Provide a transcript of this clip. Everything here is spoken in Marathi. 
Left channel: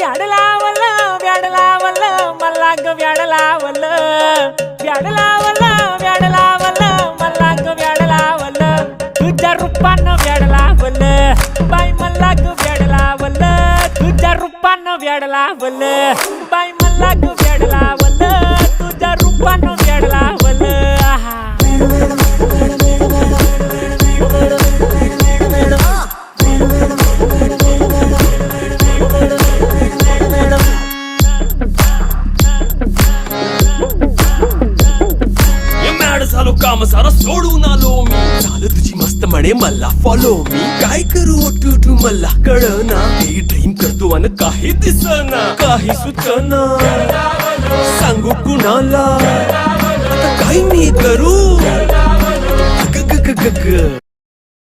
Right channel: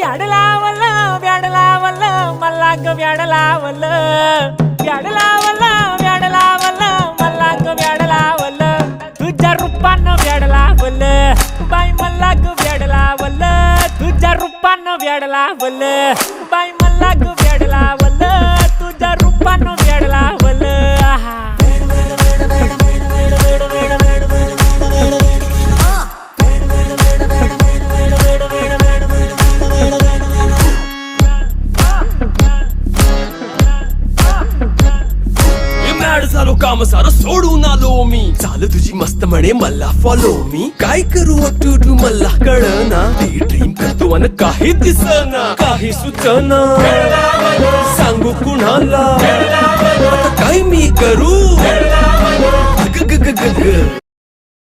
व्याड लावलं व्याड लावलं मला ग व्याड लावलं व्याड लावलं व्याड लावलं मला ग व्याड लावलं तुझ्या रूपानं व्याड लावलं बाई मला ग व्याड लावलं तुझ्या रूपानं व्याड लावलं बाई मला ग व्याड लावलं तुझ्या रूपानं व्याड लावलं आहा झालो काम सारं सोडून आलो मी चाल तुझी मस्त म्हणे मला फॉलो मी काय करू टू मला कळना ती ड्रीम करतो आणि काही दिसना काही सुचना सांगू कुणाला आता काय मी करू ग ग ग ग ग